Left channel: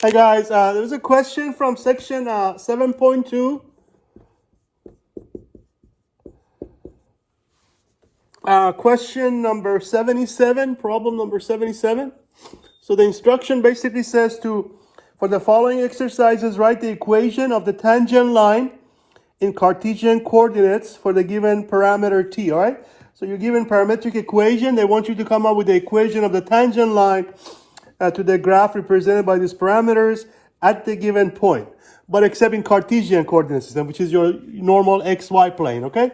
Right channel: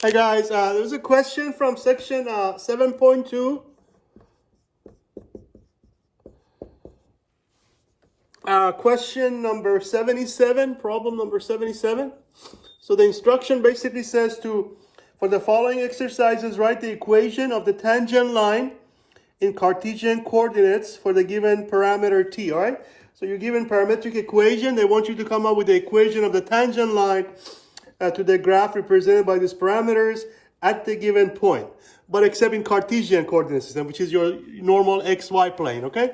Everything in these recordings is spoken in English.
Hi guys, there was a question from section 7.2. Question number 77, problem number 77. So the instruction basically says for the following exercises, write the equation of the tangent line in Cartesian coordinates for the given parameter t, all right? So you're given parametric equation. They want you to come up with the equation of the tangent line to the graph represented by these parameters at the given point, but except in Cartesian coordinate system, which is your normal xy plane, okay?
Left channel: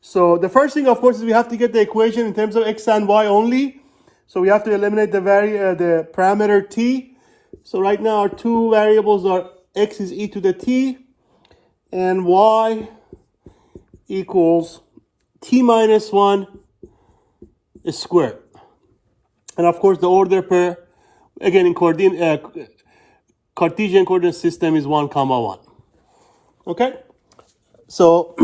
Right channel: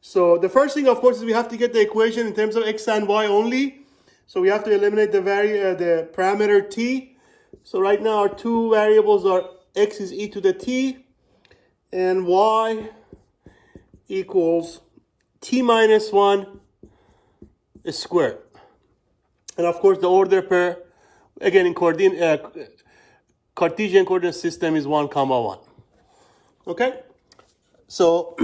So the first thing, of course, is we have to get the equation in terms of x and y only. So we have to eliminate the parameter t. So right now our two variables are x is e to the t and y equals t minus 1 squared. And of course the order pair, again in Cartesian coordinate system, is 1, 1. Okay? So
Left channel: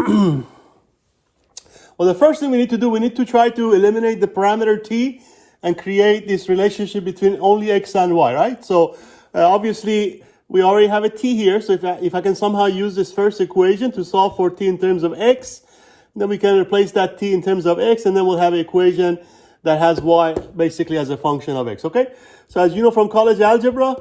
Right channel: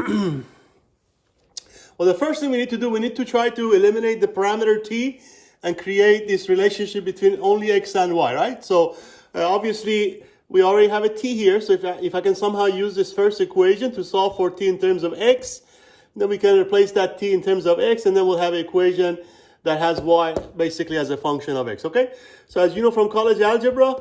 well, the first thing we need to do, we need to try to eliminate the parameter t and create this relationship between only x and y, right? So obviously we already have a t here. So if I can somehow use this first equation to solve for t in terms of x, then we can replace that t in terms of x, and then we'll have an equation that has y basically as a function of x, okay? So as you know from college algebra,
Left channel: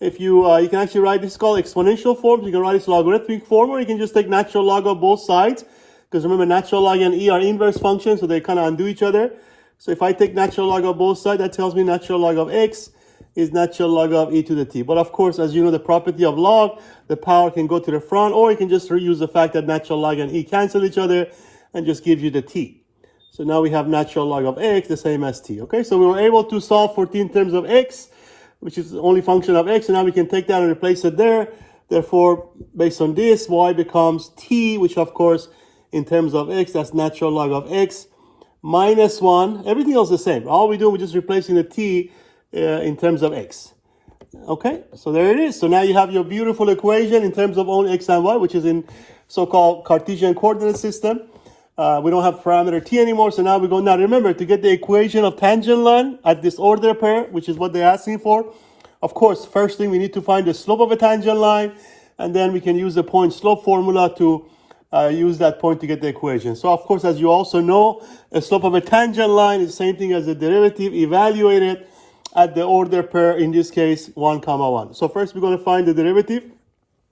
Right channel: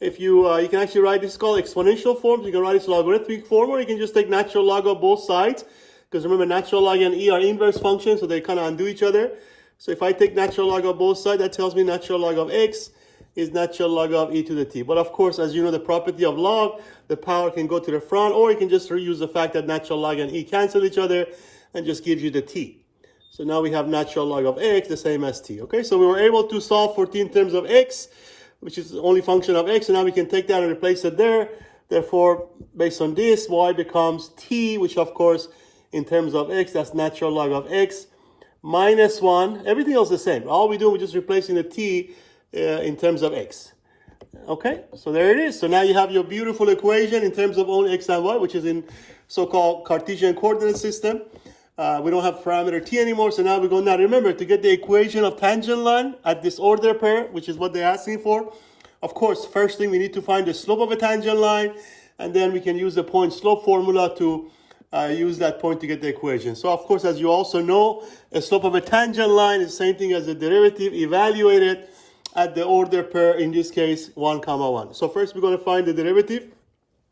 if you can actually write this called exponential form. You can write this logarithmic form, or you can just take natural log of both sides. Because remember, natural log and e are inverse functions, so they kind of undo each other. So if I take natural log of both sides, that tells me natural log of x is natural log of e to the t. But of course, as you know, the property of log, the power can go to the front, or you can just reuse the fact that natural log and e cancel each other and just gives you the t. So now we have natural log of x the same as t. Okay, so we were able to solve for t in terms of x, which is the only function of x, and now we can take that and replace it there. Therefore, based on this, y becomes t, which of course in terms of x, that's natural log of x minus 1. Everything else is the same. All we do, we're just replacing the t in terms of x. Okay, so there it is. So now you have your beautiful equation in terms of only x and y, which is in so-called Cartesian coordinate system. We don't have parameter t anymore, so now we're going, now remember, to get the equation of tangent line at this order pair, which is what they're asking for. Of course, first thing, we need to find the slope of a tangent line, and then we can use the point slope formula to use that point to get the equation. So of course, as you also know, a slope of a tangent line is the same thing as the derivative evaluated at the order pair, in this case 1, 1. So first we're going to find the derivative.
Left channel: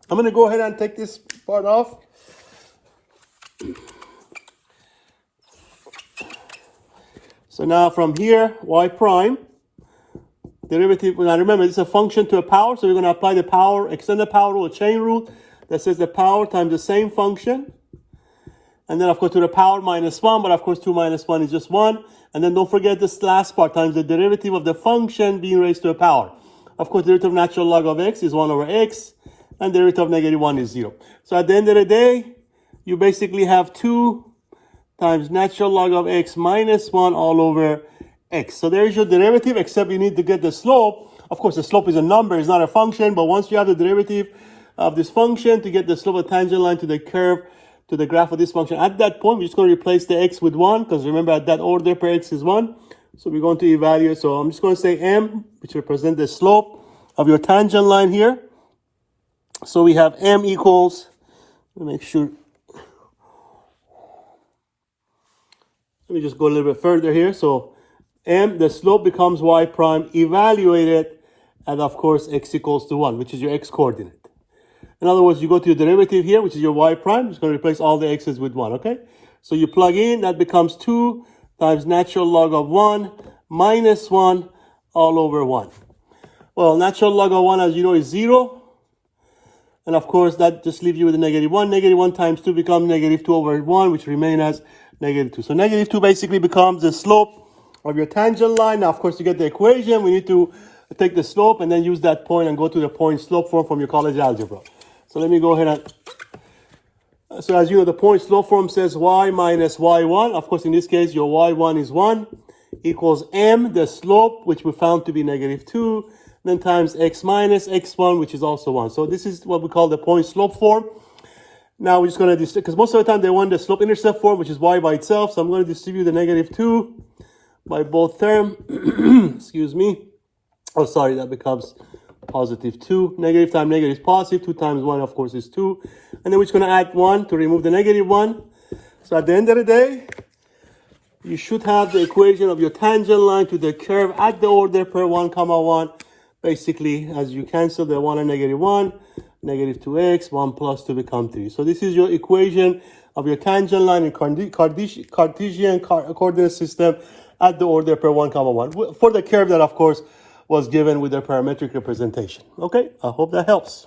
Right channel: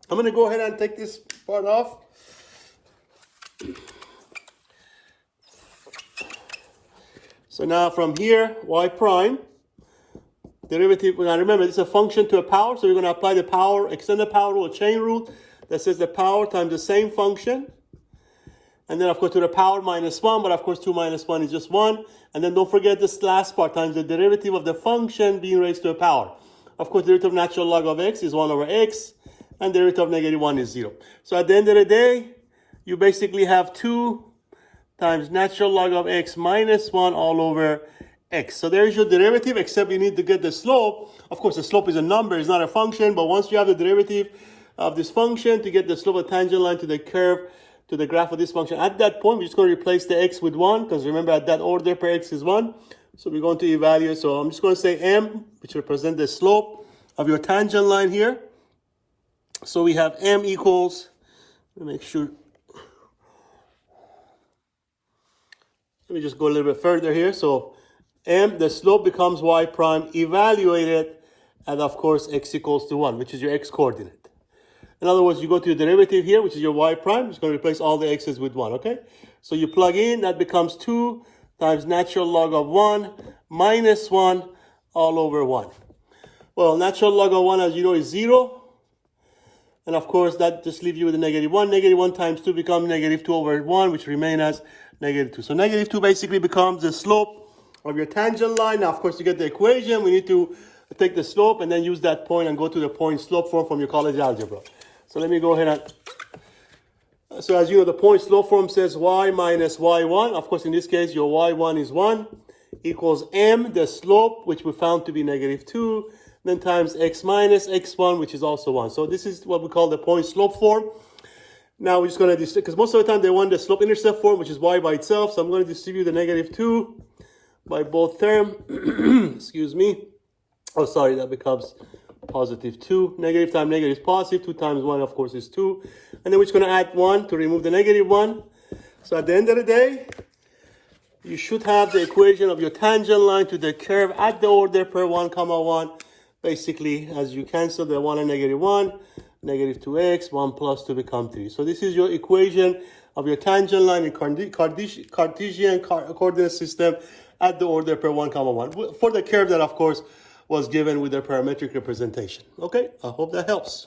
I'm going to go ahead and take this part off. So now from here, y prime, derivative, now remember, this is a function to a power, so we're going to apply the power, extend the power rule, chain rule, that says the power times the same function. And then, of course, to the power minus 1, but of course, 2 minus 1 is just 1. And then don't forget this last part, times the derivative of the function being raised to a power. Of course, derivative of natural log of x is 1 over x, and derivative of negative 1 is 0. So at the end of the day, you basically have 2 times natural log of x minus 1 all over x. So there's your derivative, except you need to get the slope. Of course, the slope is a number, it's not a function, but once you have the derivative of this function to get the slope of the tangent line to the curve, to the graph of this function, at that point, we're just going to replace the x with 1, because remember, at that order pair, x is 1. So we're going to evaluate. So I'm just going to say m, which represents the slope of your tangent line here. So we have m equals, let me make sure, let me just go a little bit further here. So m, the slope becomes y prime evaluated at, of course, x equals to 1, which is your x coordinate. In other words, you go to your derivative here, which is your y prime. It's going to replace all the x's with 1, okay? So you plug in, that becomes 2 times natural log of 1 minus 1 all over 1. Well, natural log of 1, as you know, is 0. And of course, that just leaves you with a negative 1. Negative 1 times 2 becomes negative 2 over 1, which remain as negative 2. So negative 2 basically becomes the slope of your tangent line. Now, of course, to get the equation, we need to take the slope and then use that point and go to the point slope form from your college algebra. So let me go ahead and, so as you know, the point slope form says y minus y1. Of course, in this case, your y1 is 1 equals m, the slope, which we found to be negative 2, then times x minus x1, which is also 1. So this is what we call the point slope form. Now we're just going to distribute, because most of the time they want the slope intercept form, which is y by itself. So I'm going to distribute the negative 2 by both terms. Excuse me. Oh, sorry, that becomes positive 2. Negative times negative is positive. 2 times 1, of course, is 2. And then we're just going to add 1 to remove the negative 1. So at the end of the day, you should have the equation of your tangent line to the curve at the order per 1, comma 1. Basically, as you cancel the 1 and negative 1, negative 2x, 1 plus 2 become 3. So this is your equation of your tangent line in Cartesian coordinate system at the order per 1, comma 1. For the curve that, of course, was given with the parametric representation. Okay, I hope that helps.